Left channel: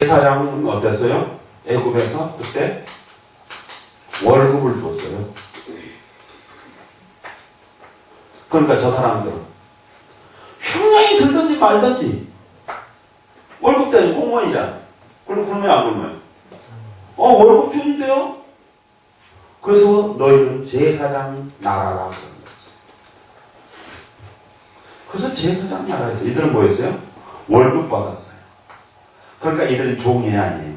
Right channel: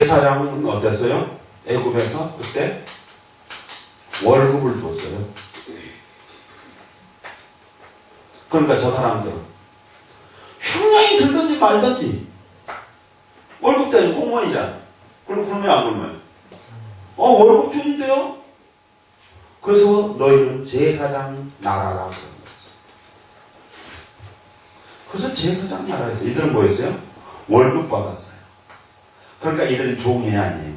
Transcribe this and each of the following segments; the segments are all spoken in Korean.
제사장은 어땠어요? 애굽에서 그때 월급을 줬어요. 그러니까 저 사람들은 형량이 들든지 말든지 월급 때문에 공무원이잖아. 그러면 안 그러면 월급 주는데요? 그래서 너희는 제사장 나라라 그런 거죠. 그래서 제사장 나라에서 이들은 뭐였어요? 월급 받았어요. 그러니까 이들은 종이 아니에요.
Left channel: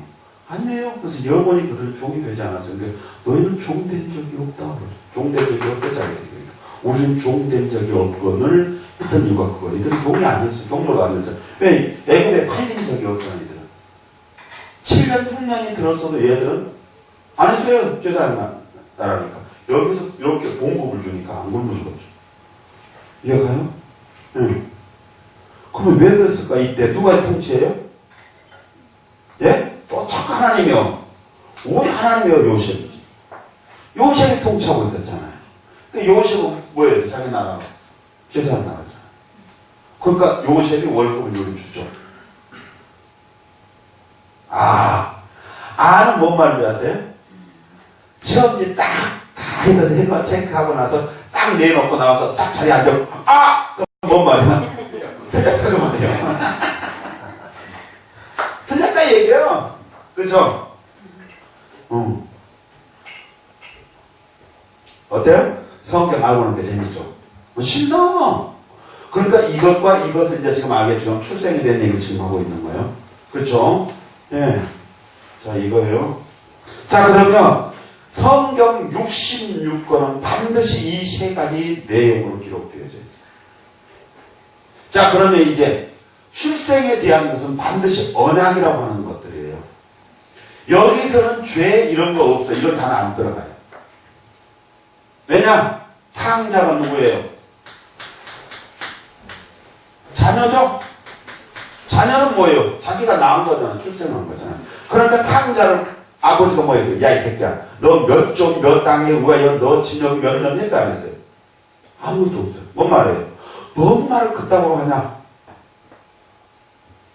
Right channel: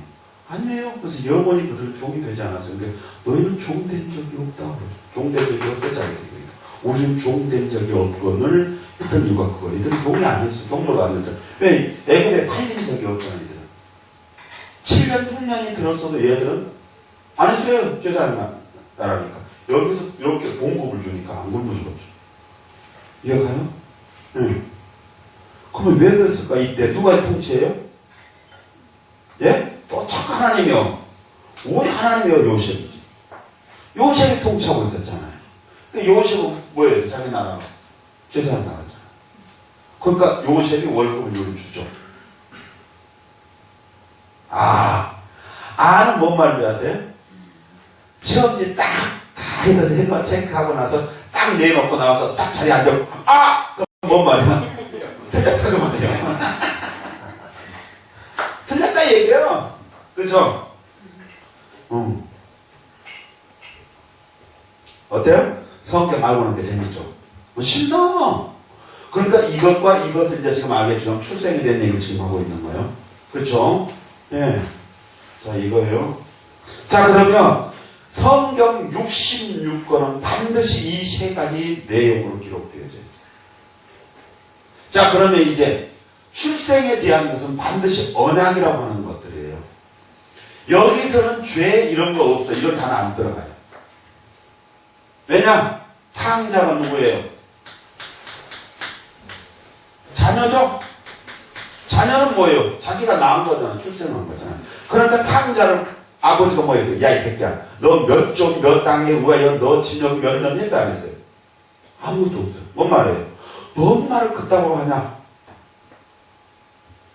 아니에요. 그래서 영원히 그들 종이 되지 않았어요. 그러니까 너희는 종된 적이 없다. 종된 적이 없다. 자기 그러니까 우리는 종된 적이 없건을 했던 이유가 그거예요. 이들은 종이 아니었어요. 종로도 안 됐죠. 왜? 애굽에 팔린 적이 없잖아요. 이들은. 7년, 8년이 들었어도 얘들은 안 했어요. 제사장 나라니까. 여기서 이렇게 봉급을 주니까 안 굶어 죽었죠. 이해가요? 응. 그러면 왜 그랬을까? 이때 누가 통치해요? 예? 또 자꾸 하나님이요. 우리 하나님이요. 요셉이지. 요셉이 통치하고 있었잖아요. 그러니까 요셉은 뭐예요? 자기 나라 제사장 나라잖아요. 그러니까 요셉이 월급을 요리 주죠. 아는 뭔 말인지 아세요? 시험 이제 다 해봐 체크하고 나서 딱 내놓고 나와서 딱 자리에 앉아. 그럼 뭔 말이야? 틀렸다 그 말이야. 틀렸다 얘기해요. 그죠? 어때요? 성경 알고 하는 게 재밌죠? 신나. 그러니까 이것과 이것을 이제 지금 알겠지만 출생에 대한 얘기를 지금 하고 있는 거예요. 그렇죠? 예. 자, 이거예요. 자, 그러면 성경 66권은 반드시 이 세 가지 내용으로 기록되어져 있어요. 자, 그러면 이제 출생에 대한 것은 반드시 언약이라고 하는 것들이에요. 여기서는 죄 이런 거 없어요. 이런 단어 안 들어가요. 왜냐? 탕자가 누구예요? 자녀죠? 자녀는 뭐예요? 자기가 낳은 거잖아. 출생한 거잖아. 그러니까 탕자를 아버지가 뭐 했어요? 야, 이 새끼야. 너 몇 종, 몇 땅에 누가 너 진역이 몇 년 했어? 안 했어요? 아무것도 없어요. 뭔 말이에요? 뭔 말을 그따구로 하냐?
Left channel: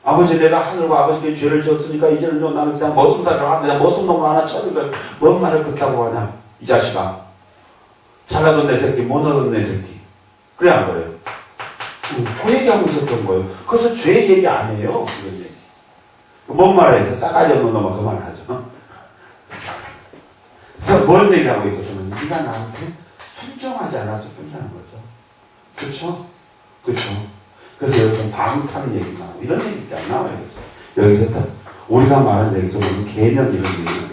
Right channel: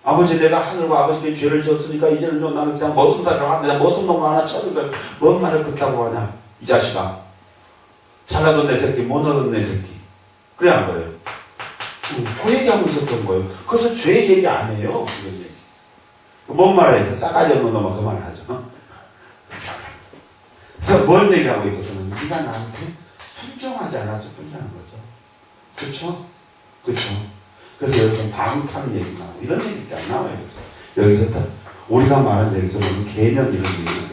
아버지, 내가 하늘과 아버지께 죄를 지었으니까 이제는 좀 나는 그냥 머슴살을 하는 그냥 머슴놈을 하나 쳐니까 뭔 말을 그따구로 하냐? 이 자식아. 잘나던 내 새끼, 못나던 내 새끼. 그래, 안 그래요? 그 얘기하고 있었던 거예요. 그래서 죄 얘기 안 해요. 그런 얘기. 뭔 말해야 돼? 싸가지 없는 놈은 그 말을 하죠. 그래서 뭔 얘기하고 있었으면 네가 나한테 순종하지 않아서 뿐이라는 거죠. 그렇죠? 그렇죠? 그래서 여기서 방탕 얘기가 나와요. 이런 얘기가 안 나와요. 여기서 다 우리가 말한 여기서 보면 개념 이런 얘기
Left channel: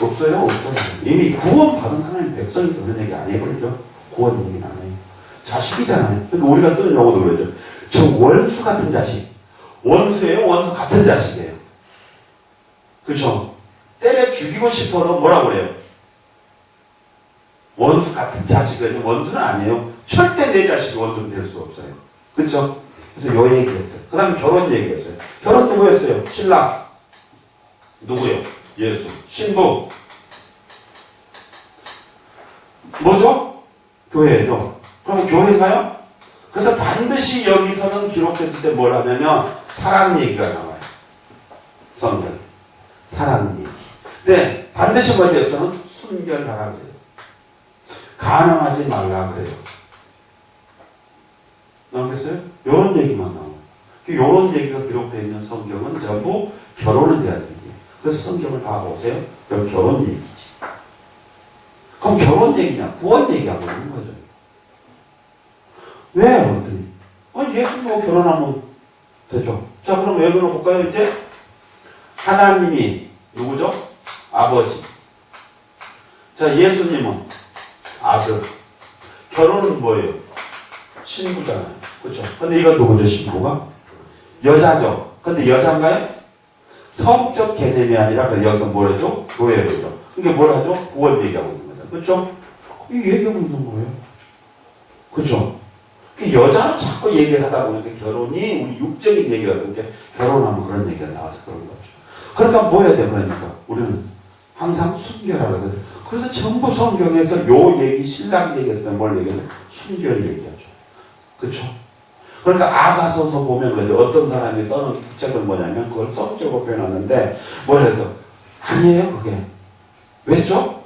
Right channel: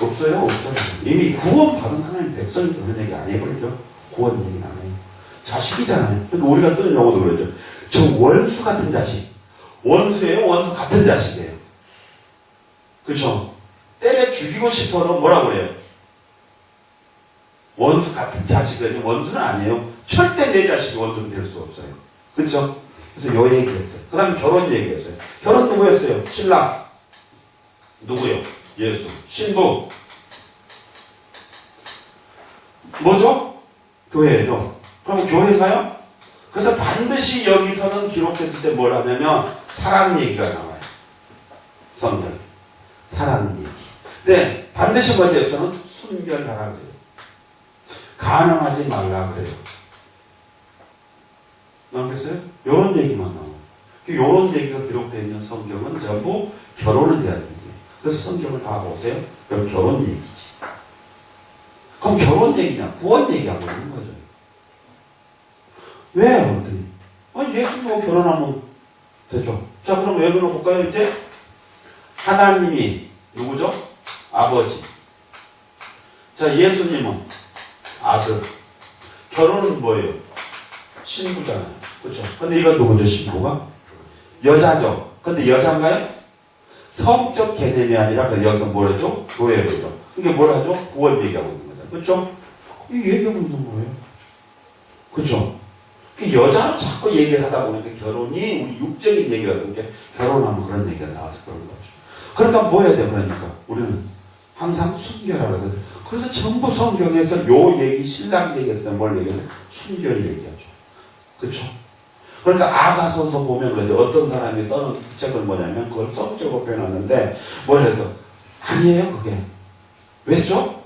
없어요. 없어요. 이미 구원받은 하나님 백성이 그런 얘기 안 해버리죠. 구원 얘기는 안 해요. 자식이잖아요. 그러니까 우리가 쓰는 용어도 그러죠. 저 원수 같은 자식. 원수예요? 원수 같은 자식이에요. 그렇죠? 때려 죽이고 싶어도 뭐라고 그래요? 원수 같은 자식이에요. 원수는 아니에요. 절대 내 자식이 원수는 될 수 없어요. 그렇죠? 그래서 요 얘기했어요. 그 다음에 결혼 얘기했어요. 결혼 누구였어요? 신랑. 누구요? 예수. 신부. 뭐죠? 교회죠. 그럼 교회가요? 그래서 반드시 여기서는 기록했을 때 뭘 하냐면 사랑 얘기가 나와요. 성경에. 사랑 얘기. 네, 반드시 뭐죠? 저는 순결하라 그래요. 가늠하지 말라 그래요. 나오겠어요? 요런 얘기만 나와요. 요런 얘기가 기록되어 있는 성경은 전부 결혼에 대한 얘기예요. 그래서 성경을 다 보세요. 그럼 결혼 얘기지. 그럼 결혼 얘기냐? 구원 얘기하고 있는 거죠. 왜? 그랬더니 예수님하고 결혼하면 되죠. 자, 그럼 왜 그러나 볼까요? 이제 하나님이 누구죠? 아버지. 자, 예수님은 아들. 결혼은 뭐예요? 신부잖아요. 그렇죠? 근데 이건 누구죠? 신부가? 여자죠. 근데 여자인가요? 성적 개념이 아니라 여기서 뭐랬죠? 교회죠. 이게 뭐라죠? 구원 얘기하고 있는 거죠. 그렇죠? 이 얘기하고 있는 거예요. 그렇죠? 여자로 자꾸 얘기를 하다 보니까 결혼이 우리 육적인 얘기라고 이렇게 결혼하면 그런 얘기가 나와서 그런 거죠. 그러니까 뭐 해야 돼? 그러니까 우리는 항상 순결하라 그래. 그래서 전부 성경에서 요 얘기, 신랑 얘기했을 때 뭘 얘기하면 순결 얘기하죠. 그렇죠? 그러니까 아가서서 보면 그러죠. 어떤 사람이 써는 책은 뭐냐면 그걸 성적으로 표현하는데 뭐래도 아니에요 그게. 왜죠?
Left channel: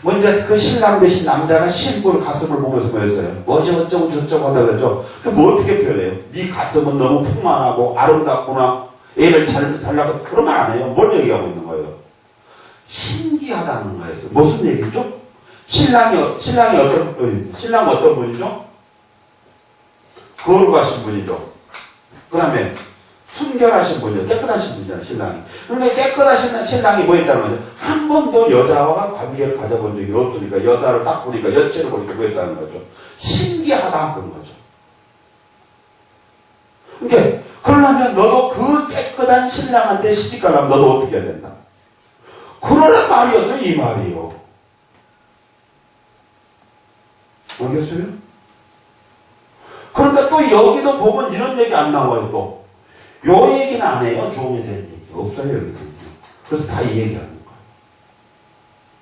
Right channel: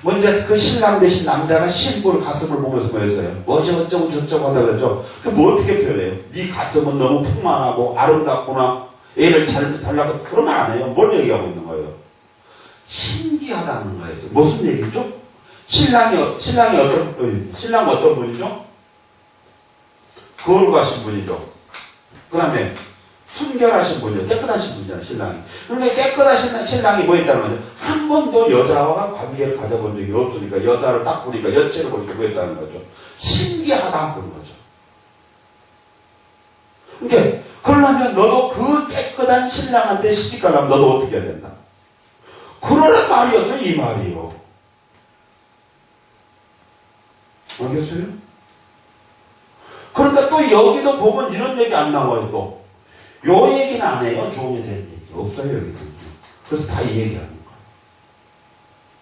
먼저 그 신랑 대신 남자가 신부를 가슴을 보면서 뭐였어요? 뭐지 어쩌고 저쩌고 하다 그러죠. 그뭐 어떻게 표현해요? 네 가슴은 너무 풍만하고 아름답구나. 애를 잘 달라고 그런 말 안 해요. 뭘 얘기하고 있는 거예요? 신기하다는 거였어요. 무슨 얘기죠? 신랑은 어떤 분이죠? 거룩하신 분이죠. 그 다음에 순결하신 분이죠. 깨끗하신 분이잖아요, 신랑이. 그러니까 깨끗하신 신랑이 뭐 했다는 거죠? 한 번도 여자와 관계를 가져본 적이 없으니까, 여자를 딱 보니까, 여체를 보니까 뭐 했다는 거죠? 신기하다, 그런 거죠. 그러니까, 그러려면 너도 그 깨끗한 신랑한테 시집가려면 너도 어떻게 해야 된다? 그러란 말이었어요, 이 말이요. 알겠어요? 그러니까 또 여기도 보면 이런 얘기 안 나와요, 또. 요 얘기는 안 해요, 종에 대한 얘기. 없어요, 여기도. 그래서 다 이 얘기 하는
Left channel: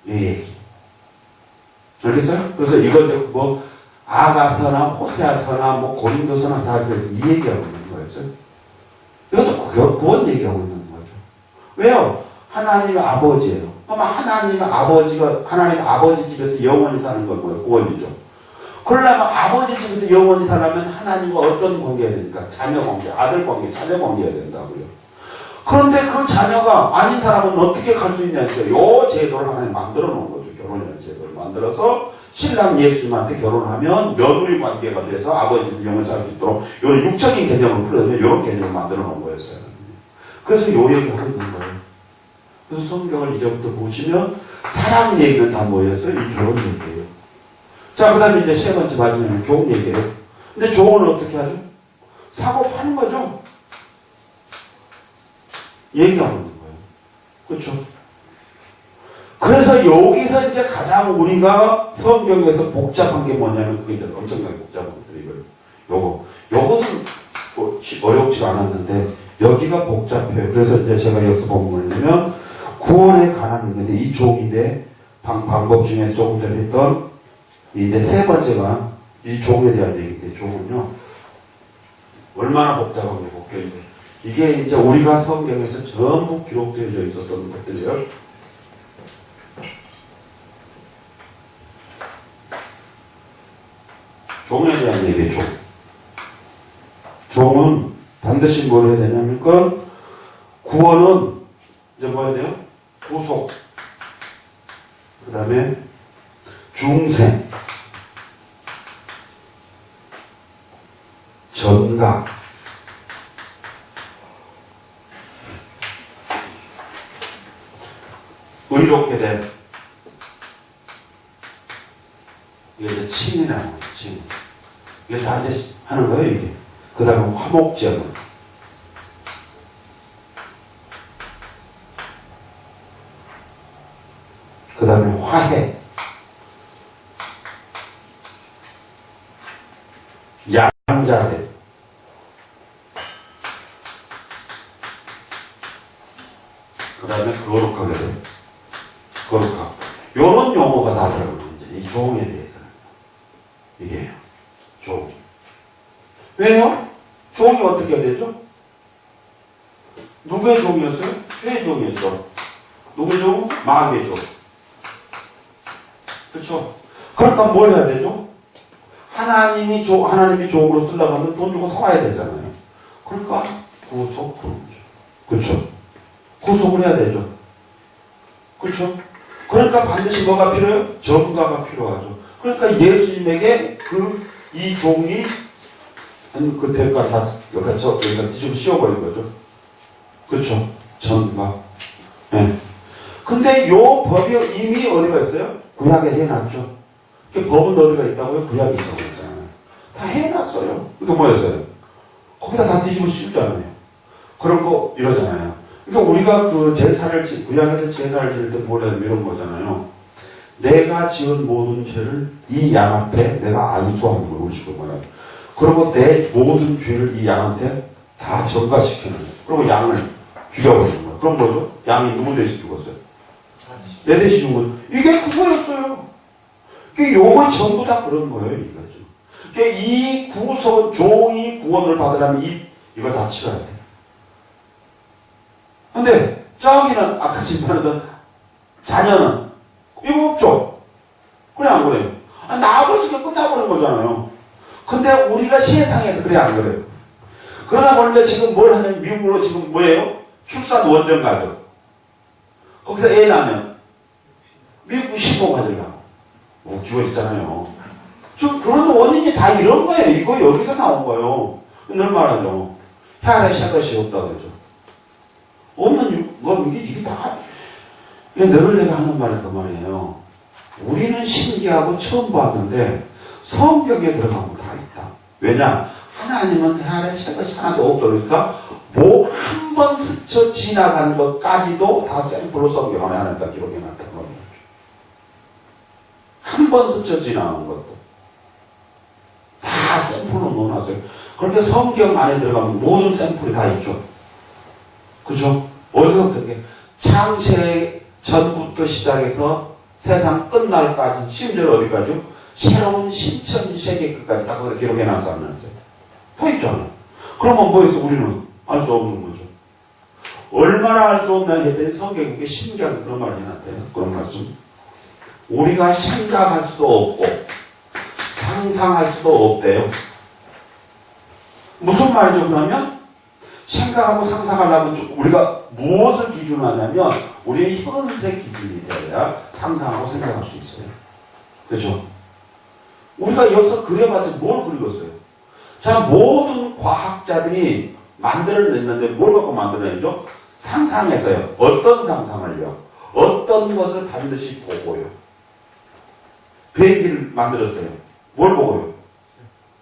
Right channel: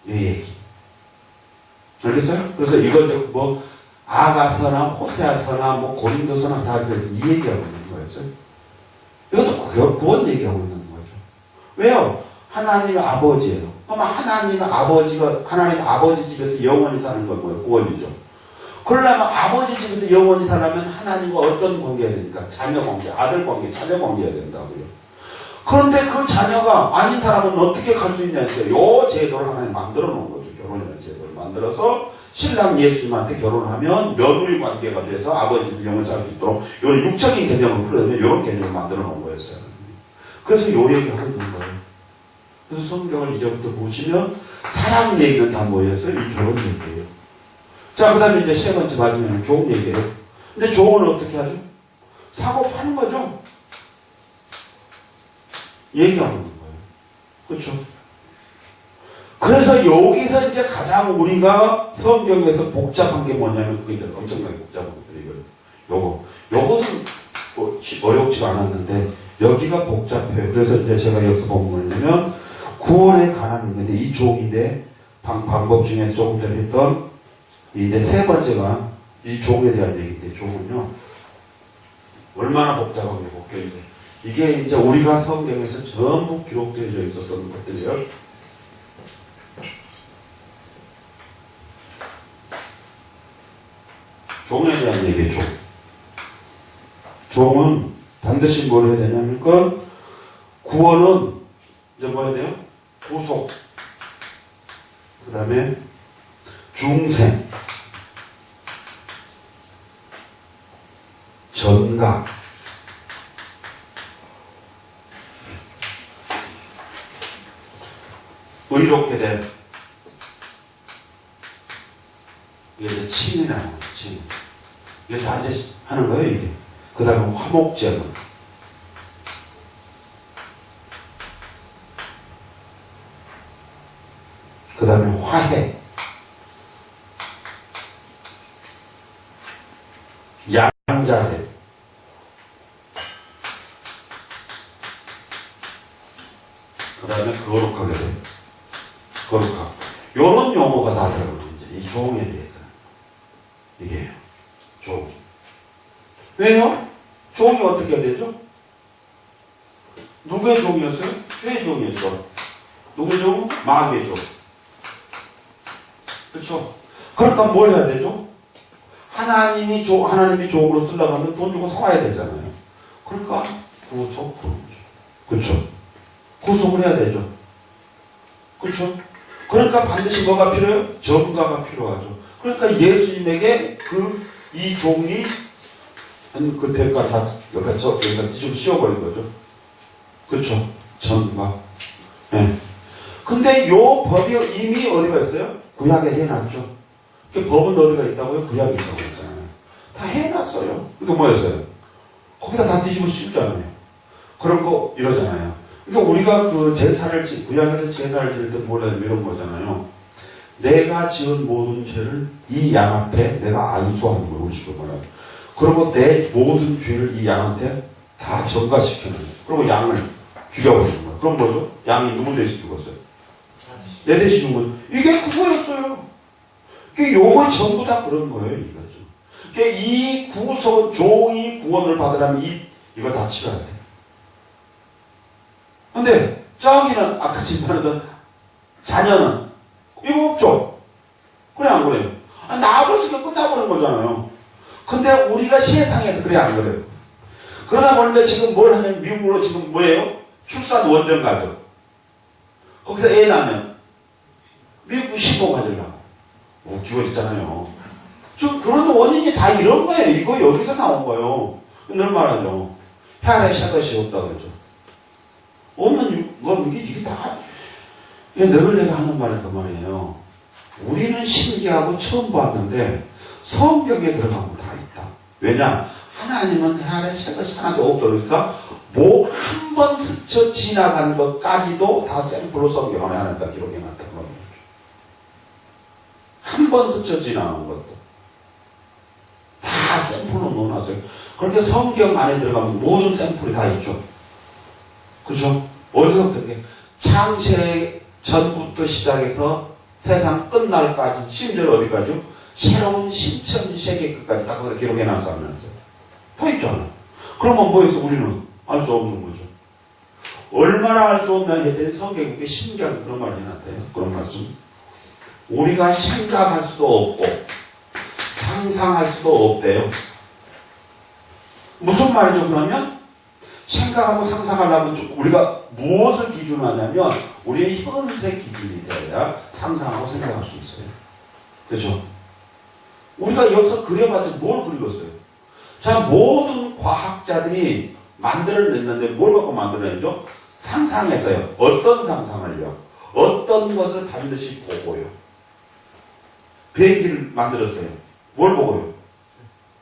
거예요. 이 얘기. 알겠어요? 그래서 이건 뭐, 아가서나 호세아서나 뭐 고린도서나 다 이 얘기하고 있는 거였어요. 이것도 구원 얘기하고 있는 거죠. 왜요? 하나님의 아버지예요. 그럼 하나님 아버지 집에서 영원히 사는 건 뭐예요? 구원이죠. 그러려면 아버지 집에서 영원히 살려면 하나님과 어떤 관계가 됩니까? 자녀 관계, 아들 관계, 자녀 관계가 된다고요. 그런데 그 자녀가 아닌 사람은 어떻게 갈 수 있냐니까 요 제도를 하나님 만들어 놓은 거죠. 결혼이라는 제도를 만들어서 신랑 예수님한테 결혼하면 며느리 관계가 돼서 아버지 영을 살 수 있도록 이런 육적인 개념을 풀어내면 이런 개념을 만들어 놓은 거였어요. 그래서 요 얘기하고 있는 거예요. 그래서 성경을 이제부터 보시면 사랑 얘기는 다 뭐였어요? 이 결혼 얘기예요. 자, 그 다음에 이제 세 번째 마지막에 종 얘기예요. 근데 종은 어떻게 하죠? 사고 파는 거죠. 얘기하고 있는 거예요. 그렇죠? 그래서 여기서 이제 가장 우리가 성경에서 복잡한 게 뭐냐면 그게 이제 엄청나게 복잡한 것들이거든요. 요것은 뭐 어렵지 않았는데 여기가 복잡해요. 그래서 이제 제가 여기서 본문을 보면 구원에 관한 건데 이 종인데 방법 중에 조금 전에 했던 이제 세 번째가 이 종에 대한 얘기인데 종은요 얼마나 복잡한 게 볼게요. 이게 이제 우리가 성경에서 전부 기록되어져 있었던 것들이에요. 종에 대한 얘기죠. 종은 반드시 뭘 해야 되냐니까 구원은 이제 뭐 해야 돼요? 구속, 그 다음에 중생, 전각, 의롭게 된 이게 이제 칭이라는 거예요. 칭. 이게 다 이제 하는 거예요, 이게. 그 다음에 화목제물. 그 다음에 화해. 양자대. 그 다음에 거룩하게 돼. 거룩하고. 요런 용어가 다 들어가요, 이제. 이 종에 대해서는. 이게요. 종. 왜요? 종이 어떻게 해야 되죠? 누구의 종이었어요? 죄의 종이었죠. 누구의 종? 마귀의 종. 그렇죠? 그러니까 뭘 해야 되죠? 하나님이 종으로 쓰려고 하면 돈 주고 사와야 되잖아요. 그러니까 구속, 그렇죠? 구속을 해야 되죠. 그렇죠? 그러니까 반드시 뭐가 필요해요? 전가가 필요하죠. 그러니까 예수님에게 이 종이 그 대가 다 여기다 뒤집어 씌워버린 거죠. 그렇죠? 전가. 네. 근데 요 법이 이미 어디가 있어요? 구약에 해놨죠. 그 법은 어디가 있다고요? 구약에 있다고 했잖아요. 다 해놨어요. 그러니까 뭐였어요? 거기다 다 뒤집어 씌우잖아요. 그런 거 이러잖아요. 그러니까 우리가 그 구약에서 제사를 지을 때 뭐라 이런 거잖아요. 내가 지은 모든 죄를 이 양 앞에 내가 안수하는 거예요. 우리 식으로 말하면. 그리고 내 모든 죄를 이 양한테 다 전가시키는 거예요. 그리고 양을 죽여버리는 거예요. 그럼 뭐죠? 양이 누구 대신 죽었어요? 내 대신 죽은 거예요. 이게 그거였어요. 이게 요거 전부 다 그런 거예요. 이거죠. 그러니까 이 구소, 종이 구원을 받으려면 이걸 다 치러야 돼. 근데 저기는 아까 말했던 자녀는 이거 없죠. 그래 안 그래요? 나아버리니까 끝나버린 거잖아요. 근데 우리가 세상에서 그래 안 그래요? 그러다 보니까 지금 뭘 하냐면 미국으로 지금 뭐예요? 출산 원정 가죠. 거기서 애 낳으면 미국 신고 가져가고 웃기고 있잖아요. 좀 그런 원인이 다 이런 거예요. 이거 여기서 나온 거예요. 늘 말하죠. 혈액 샷것이 없다 그러죠. 없는 건 이게 다 늘 내가 하는 말이 그 말이에요. 우리는 신기하고 처음 봤는데 성경에 들어가면 다 있다. 왜냐? 하나님은 혈액 샷것이 하나도 없다 그러니까 뭐 한 번 스쳐 지나간 것까지도 다 샘플로 성경 안에 하나님 다 기록해 놨다는 거죠. 한 번 스쳐 지나간 것도 다 샘플로 넣어놨어요. 그렇게 성경 안에 들어가면 모든 샘플이 다 있죠. 그죠? 어디서부터 이렇게 창세 전부터 시작해서 세상 끝날까지, 심지어 어디까지요? 새로운 신천세계 끝까지 다 거기다 기록해 놨었면서요. 다 있잖아요. 그러면 뭐해서 우리는 알 수 없는 거죠. 얼마나 알 수 없나 했더니 성경에 그게 신기한 그런 말이 해놨대요. 그런 말씀. 우리가 생각할 수도 없고 상상할 수도 없대요. 무슨 말이죠 그러면? 생각하고 상상하려면 우리가 무엇을 기준으로 하냐면 우리의 현세 기준이 되어야 상상하고 생각할 수 있어요. 그렇죠? 우리가 여기서 그려봤자 뭘 그리겠어요? 자, 모든 과학자들이 만들어냈는데 뭘 갖고 만들어내죠? 상상해서요. 어떤 상상을요? 어떤 것을 반드시 보고요. 비행기를 만들었어요. 뭘 보고요?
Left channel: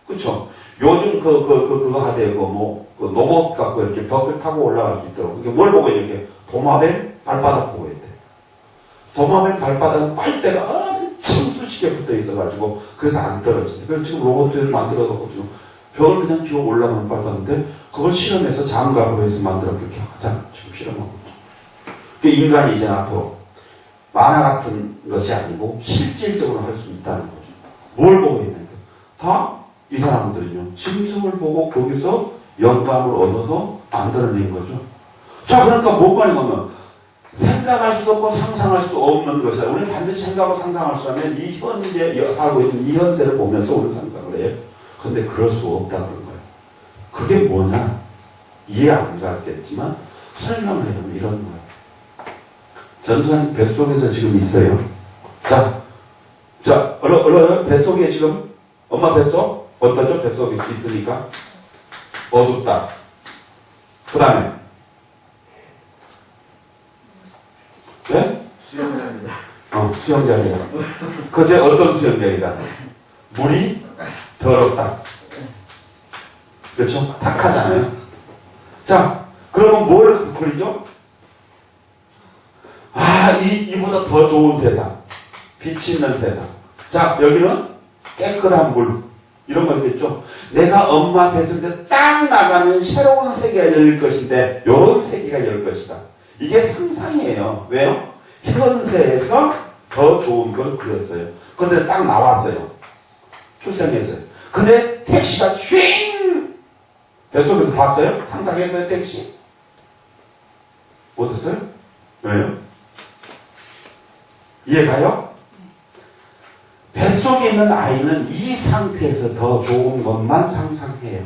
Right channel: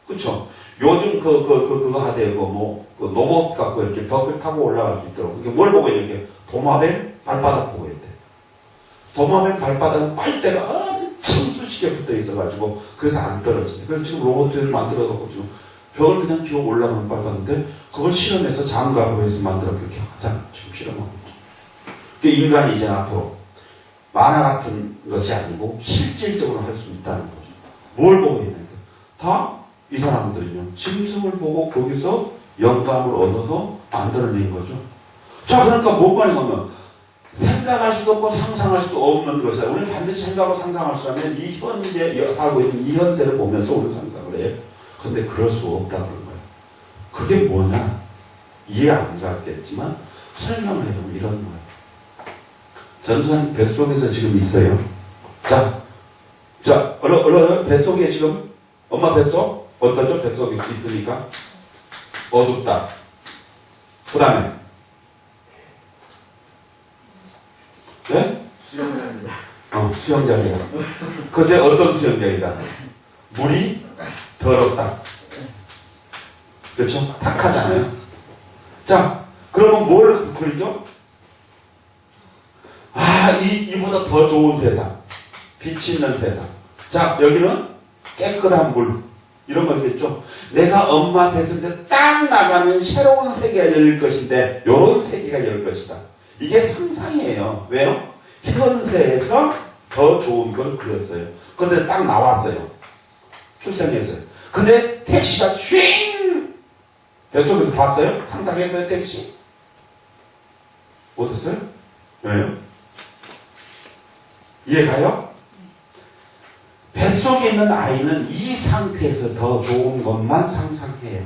그쵸? 요즘 그거 하대요. 그 로봇 갖고 이렇게 벽을 타고 올라갈 수 있도록. 이렇게 뭘 보고 이렇게 도마뱀 발바닥 보고 있대. 도마뱀 발바닥은 빨대가 엄청 수직에 붙어 있어가지고 그래서 안 떨어지네. 그래서 지금 로봇들을 만들어갖고 지금 벽을 그냥 기어 올라가는 발바닥인데 그걸 실험해서 장갑으로 해서 만들어 그렇게 하잖아. 지금 실험하고 있죠. 그 인간이 이제 앞으로 만화 같은 것이 아니고 실질적으로 할 수 있다는 거죠. 뭘 보고 있는 게? 다 이 사람들은요. 짐승을 보고 거기서 영감을 얻어서 만들어낸 거죠. 자, 그러니까 뭔 말이냐면 생각할 수도 없고 상상할 수 없는 것이다. 우리는 반드시 생각하고 상상할 수 있다면 이 현재 살고 있는 이 현세를 보면서 우리는 생각을 해요. 그런데 그럴 수 없다는 거예요. 그게 뭐냐? 이해 안 갔겠지만 설명을 해보면 이런 거예요. 전선 뱃속에서 지금 있어요. 자, 얼른 뱃속에 지금 엄마 뱃속 어떠죠? 뱃속에 있으니까 어둡다. 그 다음에 네? 수영장입니다. 수영장이다. 그때 어떤 수영장이다? 물이 더럽다. 그렇죠? 탁하잖아요. 자, 그러면 뭘 그리죠? 이보다 더 좋은 세상. 빛이 있는 세상. 자, 여기는 깨끗한 물. 이런 것들있죠. 내가 엄마 뱃속에서 딱 나가면 새로운 세계가 열릴 것인데, 요런 세계가 열릴 것이다. 이게 상상이에요. 왜요? 현세에서 더 좋은 걸 그렸어요. 근데 딱 나왔어요. 출생했어요. 근데 택시가 쉥! 뱃속에서 봤어요? 상상했어요, 택시? 어땠어요? 왜요? 이해가요? 뱃속에 있는 아이는 이 상태에서 더 좋은 것만 상상해요.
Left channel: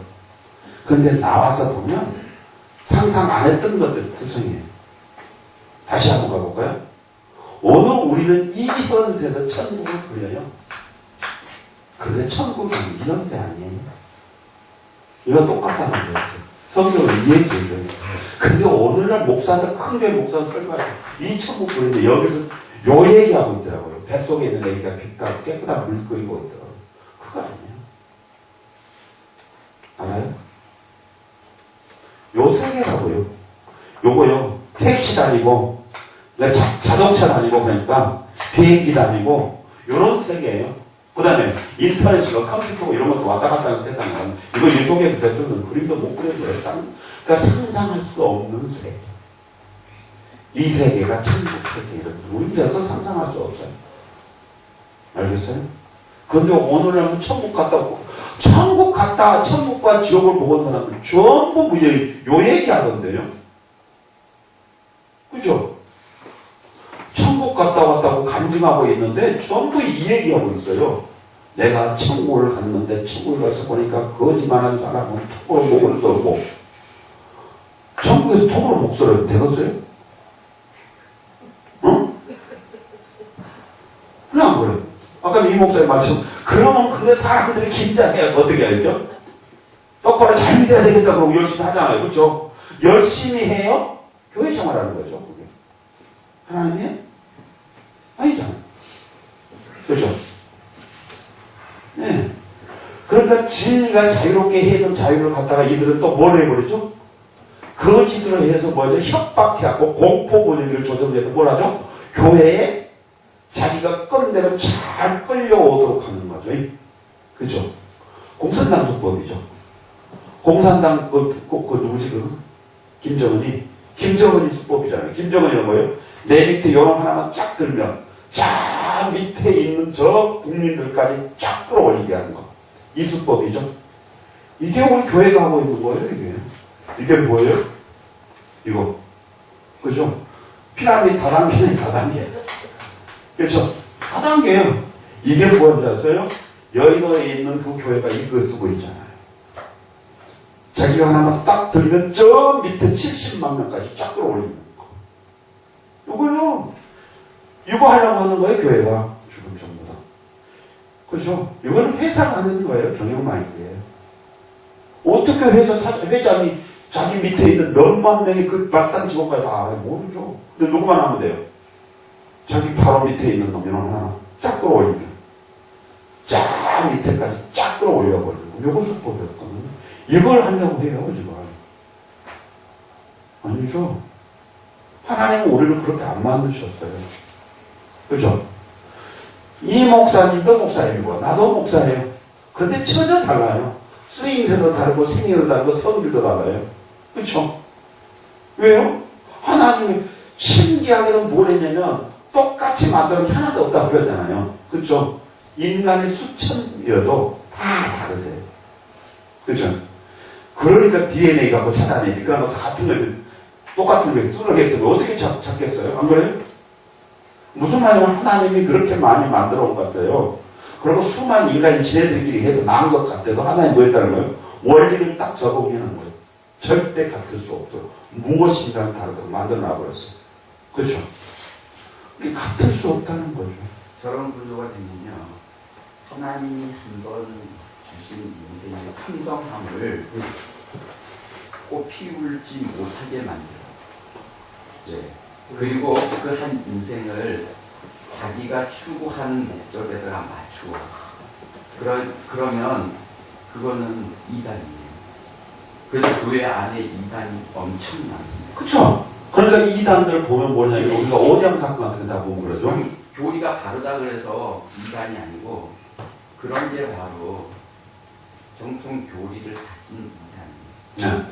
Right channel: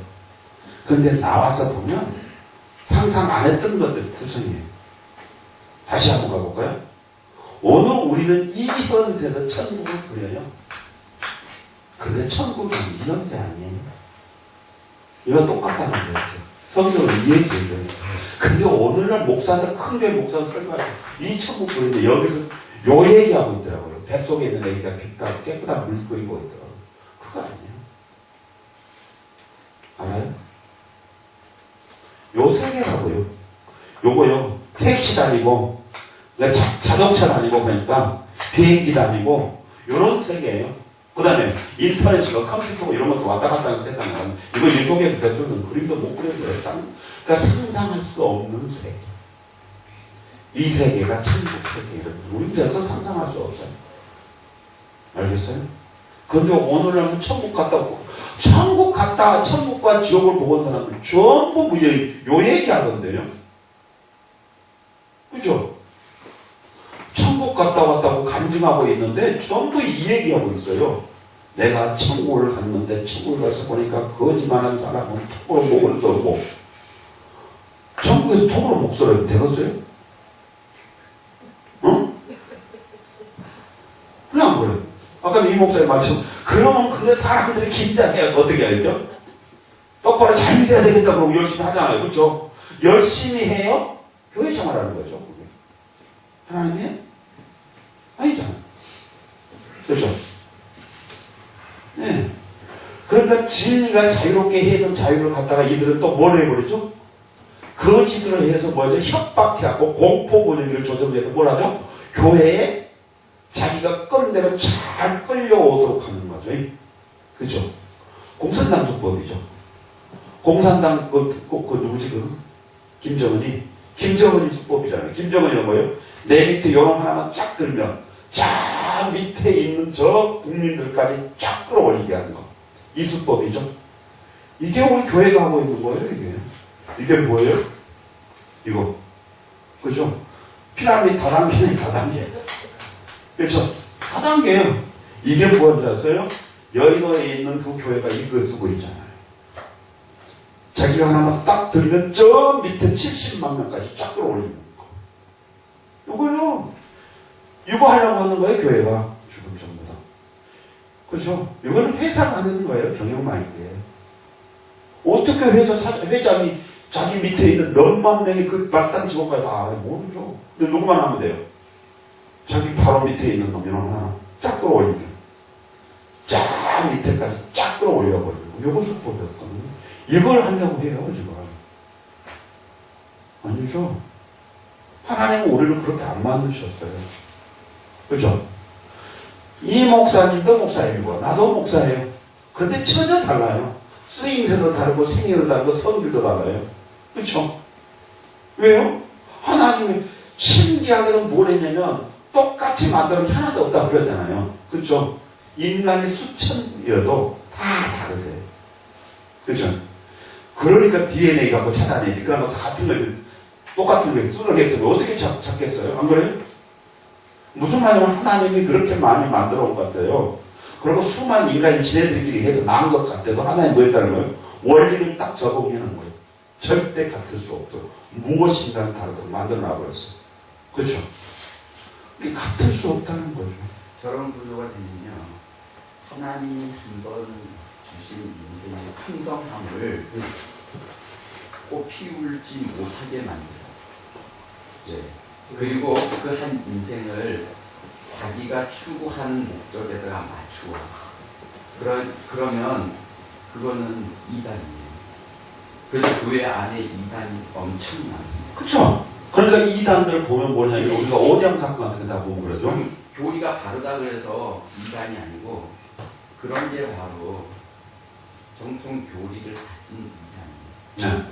근데 나와서 보면 상상 안 했던 것들 투성이에요. 다시 한번 가볼까요? 오늘 우리는 이 현세에서 천국을 그려요. 근데 천국은 이 현세 아니에요. 이거 똑같다는 거였어요. 성경을 이해해 줘요. 근데 오늘날 목사들, 큰 교회 목사들 설교하죠. 이 천국 그리는데 여기서 요 얘기하고 있더라고요. 뱃속에 있는 애기가 빛나고 깨끗한 물 끓이고 있더라고요. 그거 아니에요. 알아요? 요 세계라고요. 요거요. 택시 다니고, 자동차 다니고, 그러니까 비행기 다니고, 요런 세계예요. 그 다음에 인터넷이고 컴퓨터고 이런 것도 왔다 갔다 하는 세상은 이거 이 속에 뱃속은 그림도 못 그려줘요. 그러니까 상상할 수 없는 세계. 이 세계가 천국 세계. 우리 그래서 상상할 수 없어요. 알겠어요? 그런데 오늘날은 천국 갔다 오고, 천국 갔다, 천국과 지옥을 보고 온 사람들 전부 요 얘기 하던데요. 그죠? 천국 갔다 왔다고 간증하고 있는데 전부 이 얘기하고 있어요. 내가 천국을 갔는데 천국을 가서 보니까 거짓말한 사람은 톡으로 목을 썰고, 천국에서 톡으로 목 썰어도 되겠어요? 응? 그냥 그래요. 아까 이 목사님 말씀, 그러면 그 사람들이 긴장해야 어떻게 알죠? 똑바로 잘 믿어야 되겠다 그러고 열심히 하잖아요. 그렇죠? 열심히 해요? 교회 생활하는 거죠. 그게. 하나님이에요? 아니잖아요. 그렇죠? 네. 그러니까 진리가 자유롭게 해던 자유를 갖다가 이들은 또 뭘 해버리죠? 거짓으로 해서 뭐죠? 협박해갖고 공포 분위기를 조정해서 뭘 하죠? 교회에 자기가 끈 대로 잘 끌려오도록 하는 거죠. 그죠? 공산당 수법이죠. 공산당 그 누구지 김정은이 수법이잖아요. 김정은이는 뭐예요? 내 밑에 요런 하나만 쫙 들면 저 밑에 있는 저 국민들까지 쫙 끌어올리게 하는 거. 이 수법이죠. 이게 우리 교회가 하고 있는 거예요, 이게. 이게 뭐예요? 이거. 그죠? 피라미드 다단계네, 다단계. 그렇죠? 다단계예요. 이게 뭔지 아세요? 여의도에 있는 그 교회가 이거 쓰고 있잖아요. 자기가 하나만 딱 들면 저 밑에 70만 명까지 쫙 끌어올리는 거. 이거요. 이거 하려고 하는 거예요, 교회가. 지금 전부 다. 그렇죠? 이거는 회사가 하는 거예요, 경영마인드예요. 어떻게 회장이 자기 밑에 있는 몇만 명이 그 말단 직원까지 다 알아요? 모르죠. 근데 누구만 하면 돼요? 자기 바로 밑에 있는 놈이 하나 쫙 끌어올리면 쫙 밑에까지 쫙 끌어올려버리고 이걸 수법이었거든요. 이걸 하려고 해요, 이걸. 아니죠. 하나님은 우리를 그렇게 안 만드셨어요. 그죠? 이 목사님도 목사님이고 나도 목사예요. 근데 전혀 달라요. 쓰임새도 다르고 생애도 다르고 성질도 달라요. 그렇죠? 왜요? 하나님이 신기하게는 뭘 했냐면 똑같이 만드는 게 하나도 없다고 그랬잖아요. 그렇죠? 인간이 수천이어도 다 다르세요. 그렇죠? 그러니까 DNA 갖고 찾아내지. 그러면 같은 거 똑같은 거 뚫어냈으면 어떻게 찾겠어요? 안 그래요? 무슨 말이냐면 하나님이 그렇게 많이 만들어 온 것 같아요. 그리고 수많은 인간이 지네들끼리 해서 나은 것 같아도 하나님 뭐 했다는 거예요? 원리를 딱 적용하는 거예요. 절대 같을 수 없도록 무엇인가는 다르도록 만들어 놔버렸어요. 그렇죠? 이게 같을 수 없다는 거죠. 저런 구조가 되면요, 하나님이 한번 주신 인생의 풍성함을 꽃 피울지 못하게 만들어요. 예. 그리고 그 한 인생을 자기가 추구하는 목적에다가 맞추어. 그러면 그거는 이단이에요. 그래서 교회 안에 이단이 엄청 많습니다. 그렇죠? 그러니까 이 이단들 보면 뭐냐면 우리가 오장 사건 같은 거 다 보면 그러죠. 교리가 바르다 그래서 이단이 아니고 그런 게 바로 정통 교리를 가진 이단이에요. 네.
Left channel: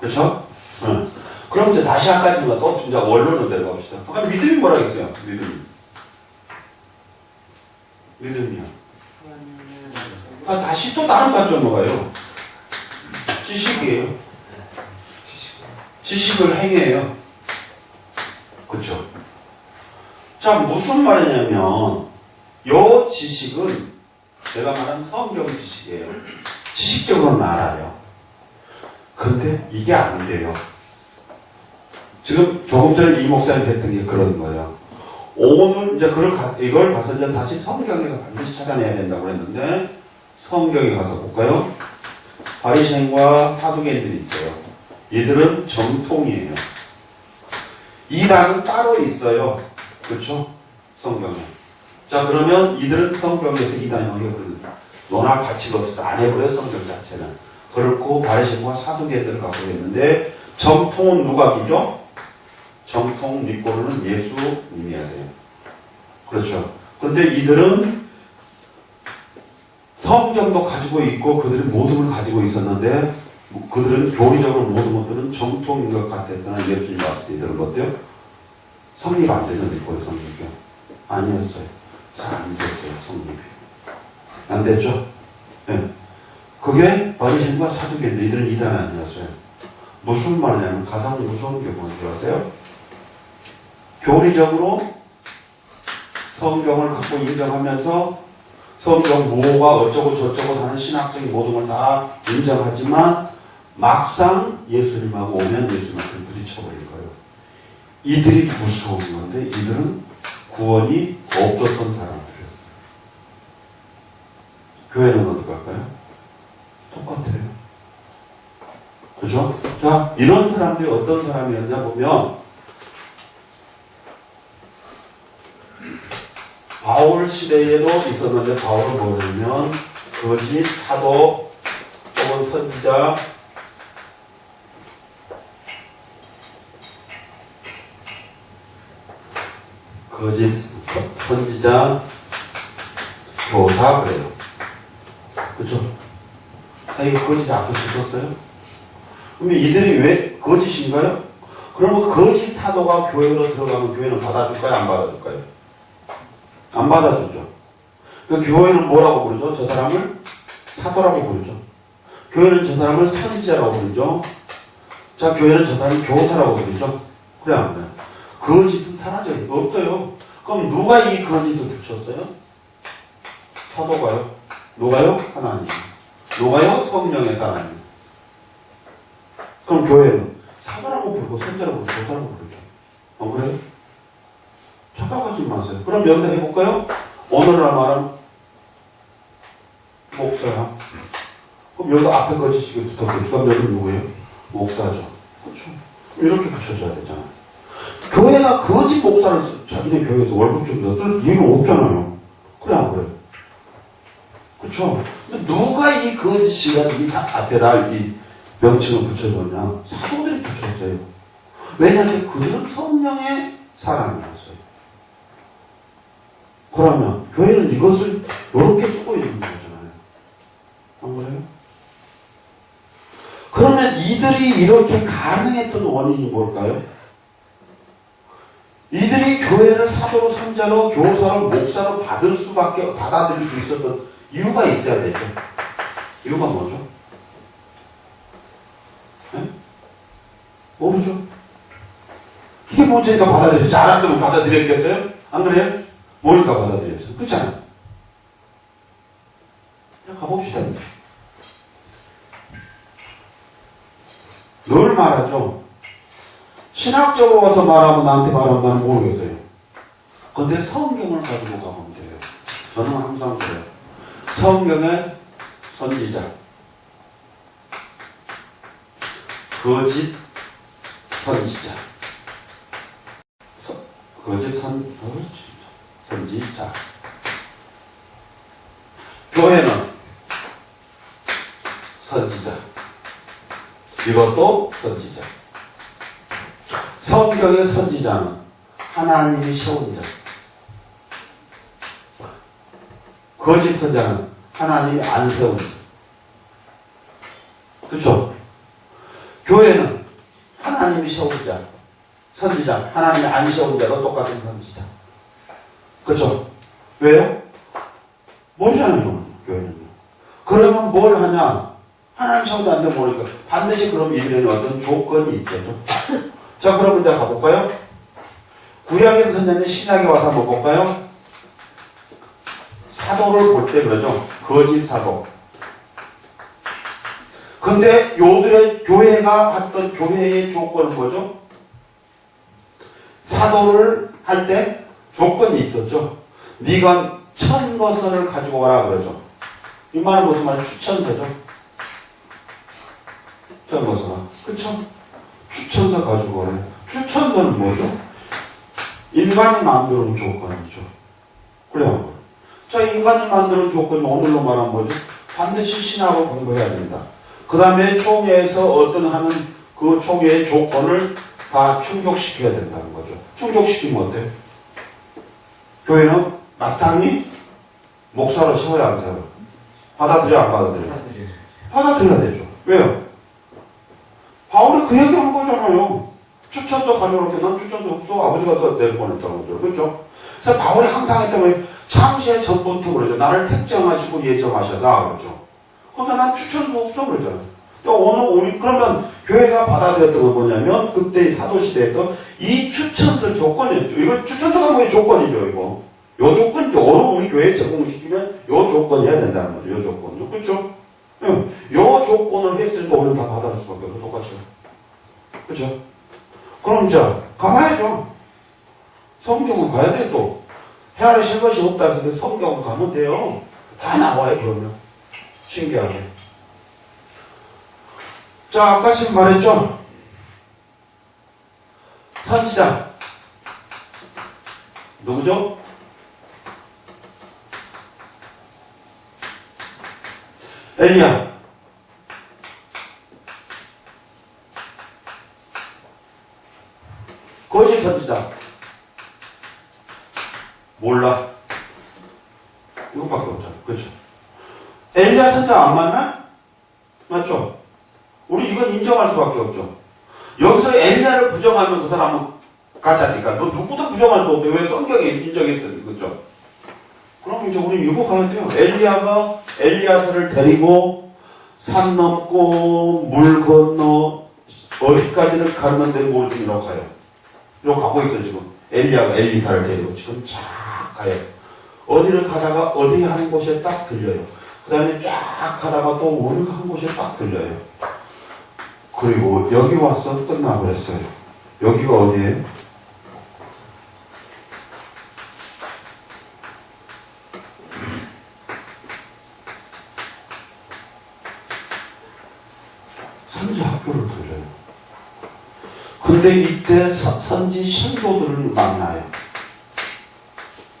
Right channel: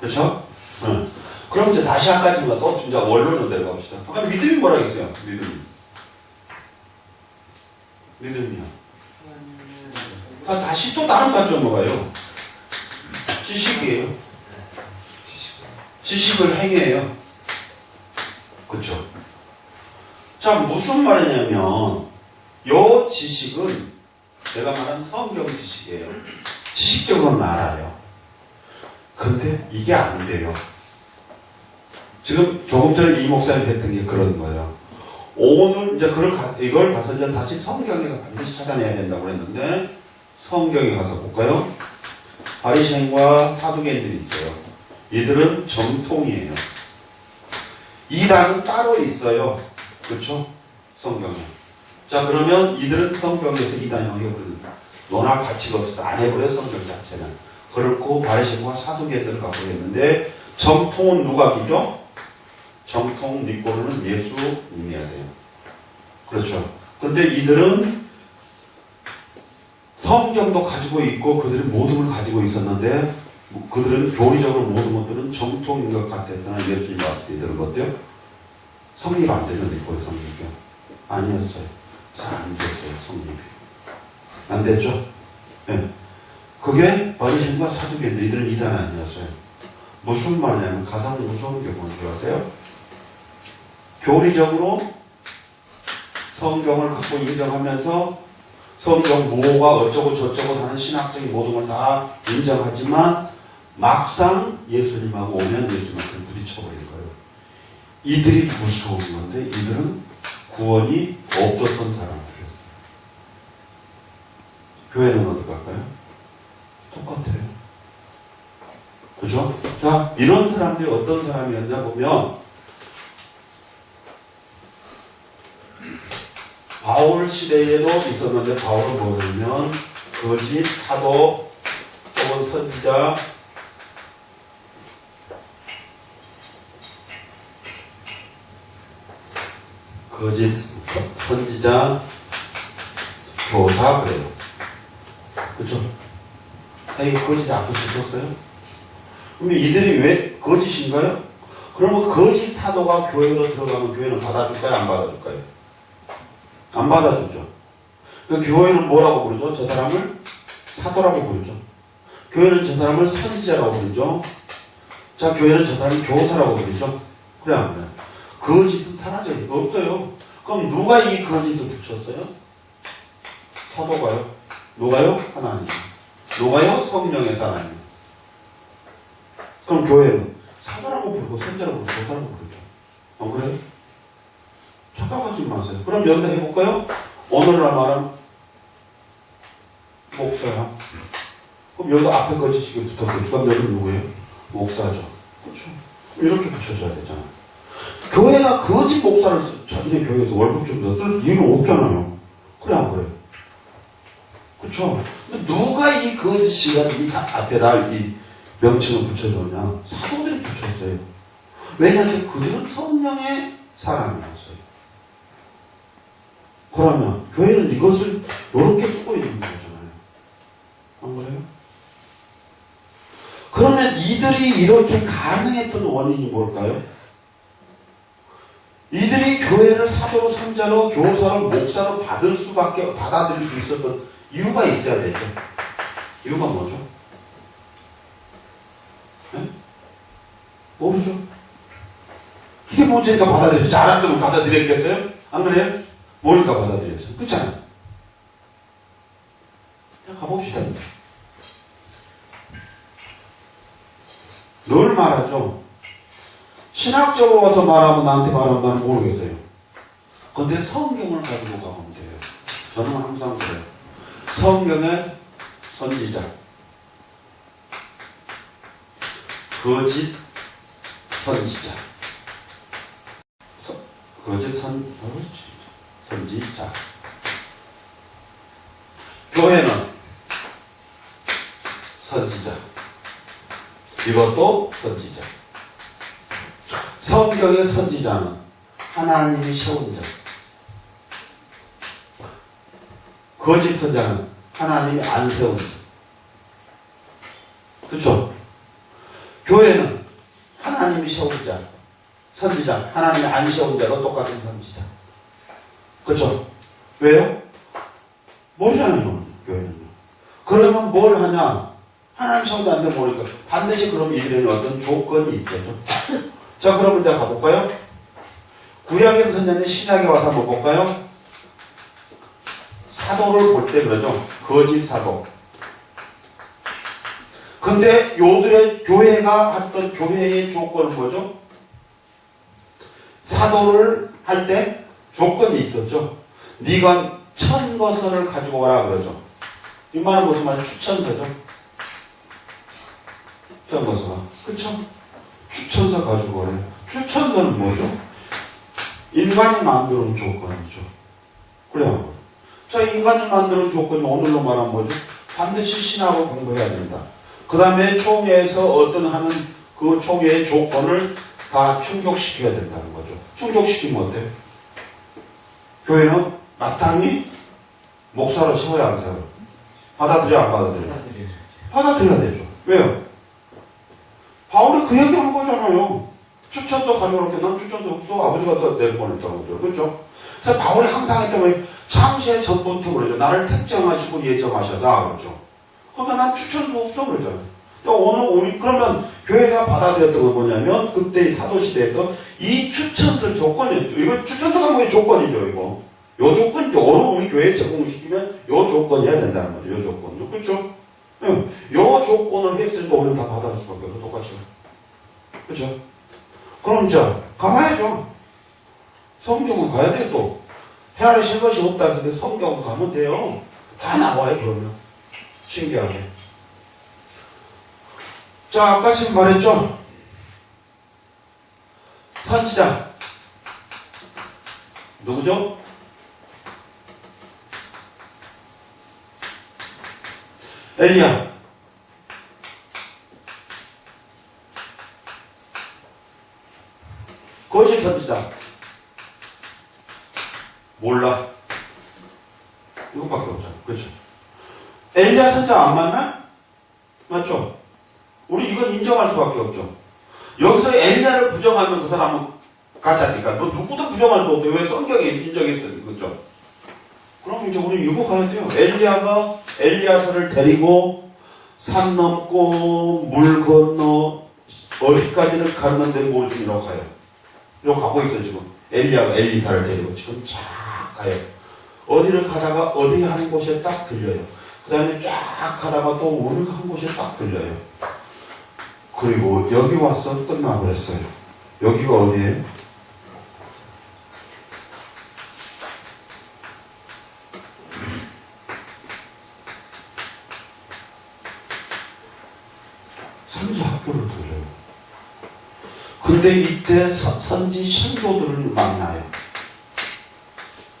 그렇죠? 네. 그럼 이제 다시 한 가지만 또 진짜 원론으로 내려갑시다. 아까 믿음이 뭐라 했어요? 믿음이요. 다시 또 다른 관점으로 가요. 지식이에요. 지식을 행해요. 그렇죠? 자, 무슨 말이냐면 요 지식은 내가 말한 성경 지식이에요. 지식적으로는 알아요. 근데 이게 안 돼요. 지금 조금 전에 이 목사님 했던 게 그런 거예요. 오늘 이제 이걸 가서 이제 다시 성경에서 반드시 찾아내야 된다고 그랬는데 성경에 가서 볼까요? 바리새인과 사두개인들이 있어요. 이들은 정통이에요. 이단은 따로 있어요. 그렇죠? 성경에. 자, 그러면 이들은 성경에서 이단이 해버립니다. 논할 가치가 없어서 안 해버려요, 성경 자체는. 그렇고 바리새인과 사두개인들을 갖고 있는데 정통은 누가 기죠? 정통 믿고는 예수님이어야 돼요. 그렇죠. 근데 이들은 성경도 가지고 있고 그들이 모든 걸 가지고 있었는데 그들은 교리적으로 모든 것들은 정통인 것 같았으나 예수님 봤을 때 이들은 어때요? 성립 안 되는 믿고의 성립이요. 아니었어요. 잘 안 됐어요, 성립이. 안 됐죠? 예. 그게 바리새인과 사두개인데 이들은 이단 아니었어요. 무슨 말이냐면 가장 무서운 게 뭔지 아세요? 교리적으로 성경을 갖고 인정하면서 성경 뭐가 어쩌고 저쩌고 하는 신학적인 모든 걸 다 인정하지만 막상 예수님하고 오면 예수님한테 부딪혀버린 거예요. 이들이 무서운 건데 이들은 구원이 없었던 사람들이었어요. 교회는 어떻게 할까요? 똑같아요. 그죠? 자, 이런 사람들이 어떤 사람이었냐 보면 바울 시대에도 있었는데 바울은 뭐냐면 거짓 사도 혹은 선지자 거짓 선지자 교사 그래요. 그렇죠? 이거 거짓 앞에 붙었어요? 그러면 이들이 왜 거짓인가요? 그러면 거짓 사도가 교회로 들어가면 교회는 받아줄까요? 안 받아줄까요? 안 받아주죠. 그 교회는 뭐라고 부르죠? 저 사람을 사도라고 부르죠. 교회는 저 사람을 선지자라고 부르죠. 자, 교회는 저 사람을 교사라고 부르죠. 그래 안 그래요? 거짓은 사라져요. 없어요. 그럼 누가 이 거짓을 붙였어요? 사도가요? 누가요? 하나님. 누가요? 성령의 하나님. 그럼 교회는 사도라고 부르고 선지자라고 부르고 교사라고 부르죠. 안 그래요? 착각하지 마세요. 그럼 여기다 해볼까요? 오늘날 말은 목사야. 그럼 여기다 앞에 거짓이 붙었겠죠. 그럼 여기는 누구예요? 목사죠. 그렇죠. 이렇게 붙여줘야 되잖아요. 교회가 거짓 목사를 자기네 교회에서 월급 좀 쓸 이유는 없잖아요. 그래 안 그래? 그렇죠. 근데 누가 이 거짓이가 이 앞에다 이 명칭을 붙여줬냐? 사도들이 붙였어요. 왜냐하면 그들은 성령의 사람이었어요. 그러면 교회는 이것을 이렇게 쓰고 있는 거잖아요. 안 그래요? 그러면 이들이 이렇게 가능했던 원인이 뭘까요? 이들이 교회를 사도로 선자로 교사로 목사로 받아들일 수 있었던 이유가 있어야 되죠. 이유가 뭐죠? 네? 모르죠. 이게 문제니까 받아들였지. 알았으면 받아들였겠어요? 안 그래요? 뭐니까 받아들였어요. 그렇잖아요. 그냥 가봅시다. 늘 말하죠. 신학적으로 와서 말하면 나한테 말하면 나는 모르겠어요. 근데 성경을 가지고 가면 돼요. 저는 항상 그래요. 성경의 선지자, 거짓 선지자, 선지자. 교회는 선지자. 이것도 선지자. 성경의 선지자는 하나님이 세운 자. 거짓 선지자는 하나님이 안 세운 자. 그렇죠? 교회는 하나님이 세운 자. 선지자, 하나님이 안 세운 자도 똑같은 선지자. 그렇죠? 왜요? 모르잖아요, 교회는요. 그러면 뭘 하냐? 하나님 세운 자한테 모르니까 반드시 그럼 이들에는 어떤 조건이 있겠죠. 자, 그럼 이제 가볼까요? 구약의 선자는 신약에 와서 한번 볼까요? 사도를 볼 때 그러죠. 거짓 사도. 근데 요들의 교회가 했던 교회의 조건은 뭐죠? 사도를 할 때 조건이 있었죠. 네가 1000것을 가지고 와라 그러죠. 이 말은 무슨 말이에요? 추천서죠. 1000것을. 그쵸? 추천서 가지고 오래. 추천서는 뭐죠? 인간이 만드는 조건이죠. 그래요. 자, 인간이 만드는 조건이 오늘로 말하면 뭐죠? 반드시 신학을 공부해야 된다. 그 다음에 총회에서 어떤 하는 그 총회의 조건을 다 충족시켜야 된다는 거죠. 충족시키면 어때요? 교회는 마땅히 목사로 세워야 안 세워요? 받아들여 안 받아들여요? 받아들여야 되죠. 왜요? 바울이 그 얘기한 거잖아요. 추천서 가져오게 난 추천서 없어. 아버지가 낼 뻔했다는 거죠. 그렇죠? 그래서 바울이 항상 했던 게 창세 전부터 그러죠. 나를 택정하시고 예정하셔다 그러죠. 그러니까 난 추천도 없어 그러죠. 또 오늘 우리 그러면 교회가 받아들였던 건 뭐냐면 그때 사도시대에도 이 추천서 조건이었죠. 이거 추천서가 뭐의 조건이죠. 이거 요 조건이죠. 오늘 우리 교회에 제공시키면 요 조건이어야 된다는 거죠. 요 조건요. 그렇죠? 응. 요 조건을 했으니까 우리는 다 받아줄 수밖에 없어. 똑같이. 그렇죠? 그럼 이제 가봐야죠. 성경은 가야 돼요. 또 헤아리실 것이 없다 했을 때 성경 가면 돼요. 다 나와요. 그러면 신기하게. 자, 아까 지금 말했죠? 선지자 누구죠? 엘리야. 거짓 선지자 몰라. 이것밖에 없잖아. 그렇죠? 엘리야 선지자 안 맞나? 맞죠? 우리 이건 인정할 수밖에 없죠. 여기서 엘리야를 부정하면 그 사람은 가짜니까. 너 누구도 부정할 수 없어요. 왜 성경에 인정했으니. 그렇죠? 그럼 이제 우리 이거 가야 돼요. 엘리야가 엘리야서를 데리고 산 넘고 물 건너 어디까지는 갔는데 뭘 중이라고 가요. 이러고 가고 있어 지금. 엘리야가 엘리사를 데리고 지금 쫙 가요. 어디를 가다가 어디 한 곳에 딱 들려요. 그 다음에 쫙 가다가 또 어느 한 곳에 딱 들려요. 그리고 여기 와서 끝나버렸어요. 여기가 어디예요? 선지 학교를 들려요. 근데 이때 선지 신도들을 만나요.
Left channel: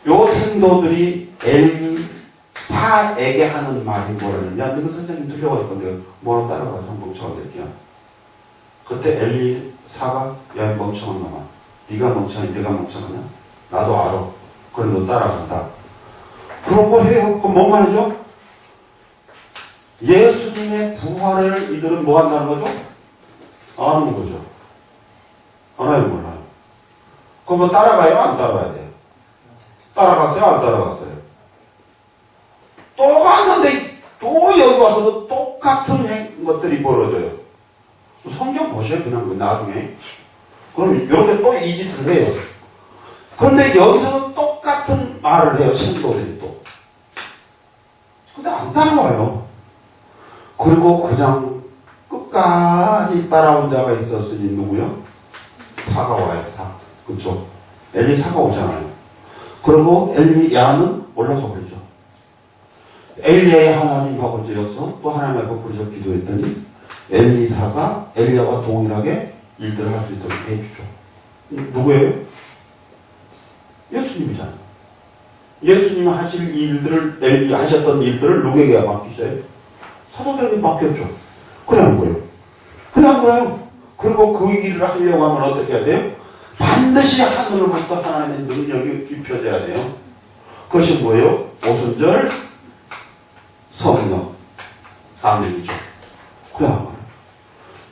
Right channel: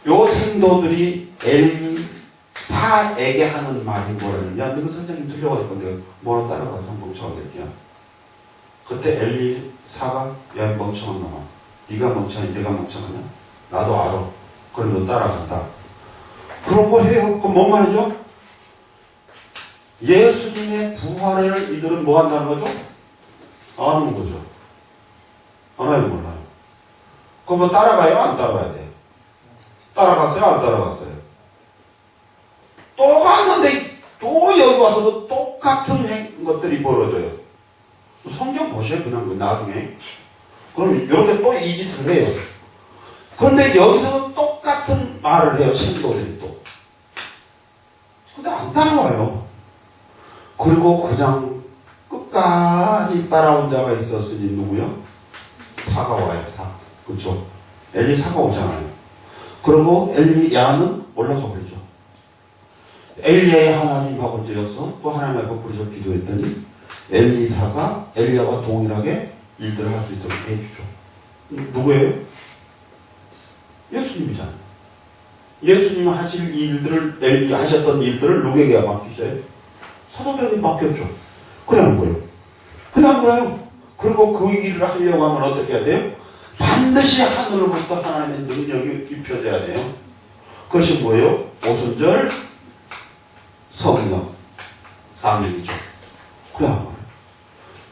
요 신도들이 엘리사에게 하는 말이 뭐라냐면, 야, 너그 선생님 들려갈 건데 뭐로 따라가서 한번 뭉쳐드릴게요. 그때 엘리사가, 야, 멍청한 놈아, 네가 멍청하니 내가 멍청하냐? 나도 알아. 그럼 너 따라간다. 그런 거 해요. 그럼 뭔 말이죠? 예수님의 부활을 이들은 뭐 한다는 거죠? 아는 거죠. 알아요, 몰라요? 그럼 뭐 따라가요? 안 따라가야 돼요? 따라갔어요? 안 따라갔어요? 또 갔는데 또 여기 와서도 똑같은 것들이 벌어져요. 성경 보세요. 그냥 나중에. 그럼 이렇게 또 이 짓을 해요. 그런데 여기서도 똑같은 말을 해요. 신도들이 또. 근데 안 따라와요. 그리고 그냥 끝까지 따라온 자가 있었으니 누구요? 사가 와요. 사. 그렇죠? 엘리사가 오잖아요. 그리고 엘리야는 올라가 버리죠. 엘리야의 하나님하고 이제여서 또 하나님 앞에 부르셔 기도했더니 엘리사가 엘리야와 동일하게 일들을 할 수 있도록 해주죠. 누구예요? 예수님이잖아요. 예수님이 하실 일들을, 하셨던 일들을 누구에게 맡기셔요? 사도들에게 맡겼죠. 그래 안 그래요? 그래 안 그래요? 그리고 그 일을 하려고 하면 어떻게 해야 돼요? 반드시 하늘로부터 하나님의 능력이 입혀져야 돼요. 그것이 뭐예요? 오순절 성령 강림이죠. 그래 안 그래요?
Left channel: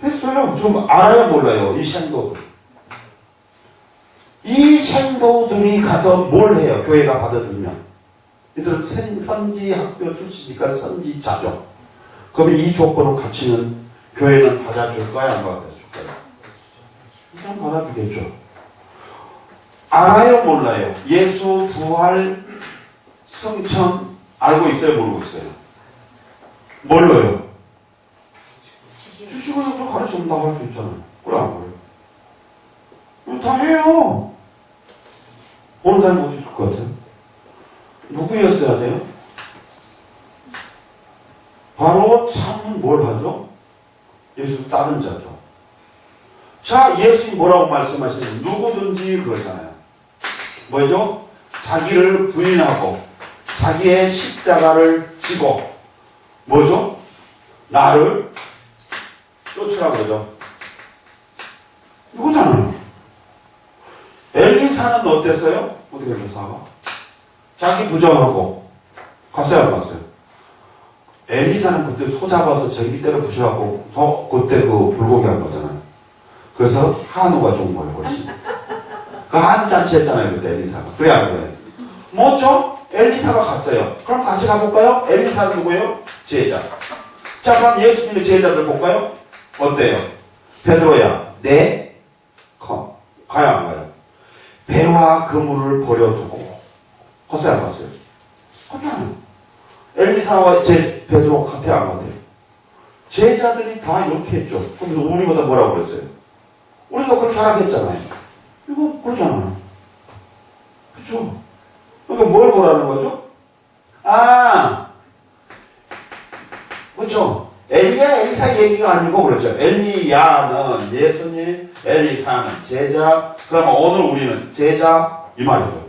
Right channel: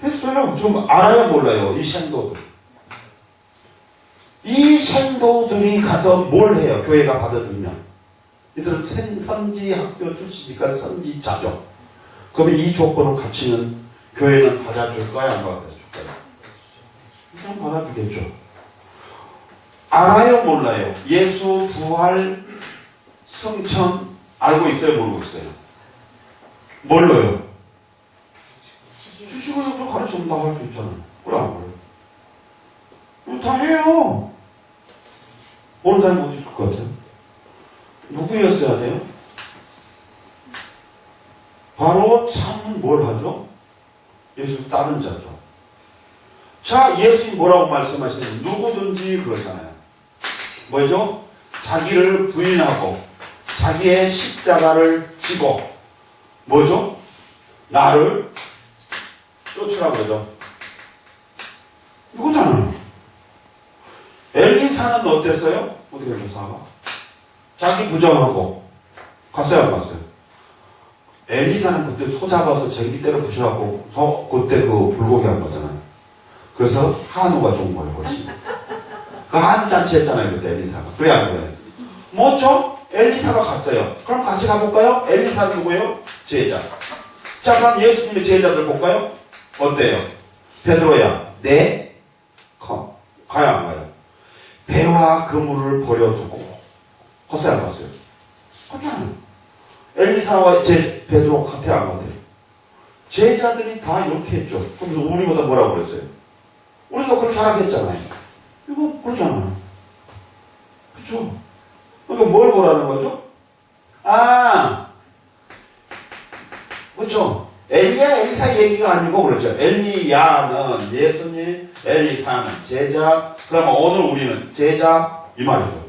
했어요. 좀 알아야 몰라요. 이 생도들. 이 생도들이 가서 뭘 해요? 교회가 받아들면. 이들은 선지학교 출신이니까 선지자죠. 그러면 이 조건을 갖추면 교회는 받아줄까요? 안 받아줄까요? 일단 받아주겠죠. 알아요? 몰라요? 예수 부활 승천 알고 있어요? 모르고 있어요? 몰라요? 주식을 또 가르쳐준다고 할 수 있잖아요. 그래 안 그래요? 이거 다 해요. 어느 사람이 어디 있을 것 같아요? 누구였어야 돼요? 바로 참은 뭘 하죠? 예수 따른 자죠. 자, 예수님 뭐라고 말씀하시는 누구든지 그러잖아요. 뭐죠? 자기를 부인하고 자기의 십자가를 지고 뭐죠? 나를 쫓으라고 그러죠. 이거잖아요. 엘리사는 어땠어요? 어떻게 엘리사가? 자기 부정하고 갔어요 안 갔어요? 엘리사는 그때 소 잡아서 전기 때려 부셔갖고 그때 그 불고기 한 거잖아요. 그래서 한우가 좋은 거예요 훨씬. 그 한우 잔치 했잖아요 그때 엘리사가. 그래 안 그래? 뭐죠? 엘리사가 갔어요. 그럼 같이 가볼까요? 엘리사는 누구예요? 제자. 자, 그럼 예수님의 제자들 볼까요? 어때요? 베드로야, 네? 가요, 안 가요? 배와 그물을 버려두고. 갔어요, 안 갔어요? 갔잖아요. 엘리사와 베드로 같아, 안 같아요? 제자들이 다 이렇게 했죠. 그럼 우리보다 뭐라고 그랬어요? 우리도 그렇게 하라고 했잖아요. 이거 그러잖아요. 그렇죠? 그러니까 뭘 보라는 거죠? 아, 그렇죠. 엘리야, 엘리사 얘기가 아니고 그렇죠. 엘리야는 예수님, 엘리사는 제자. 그러면 오늘 우리는 제자 이 말이죠.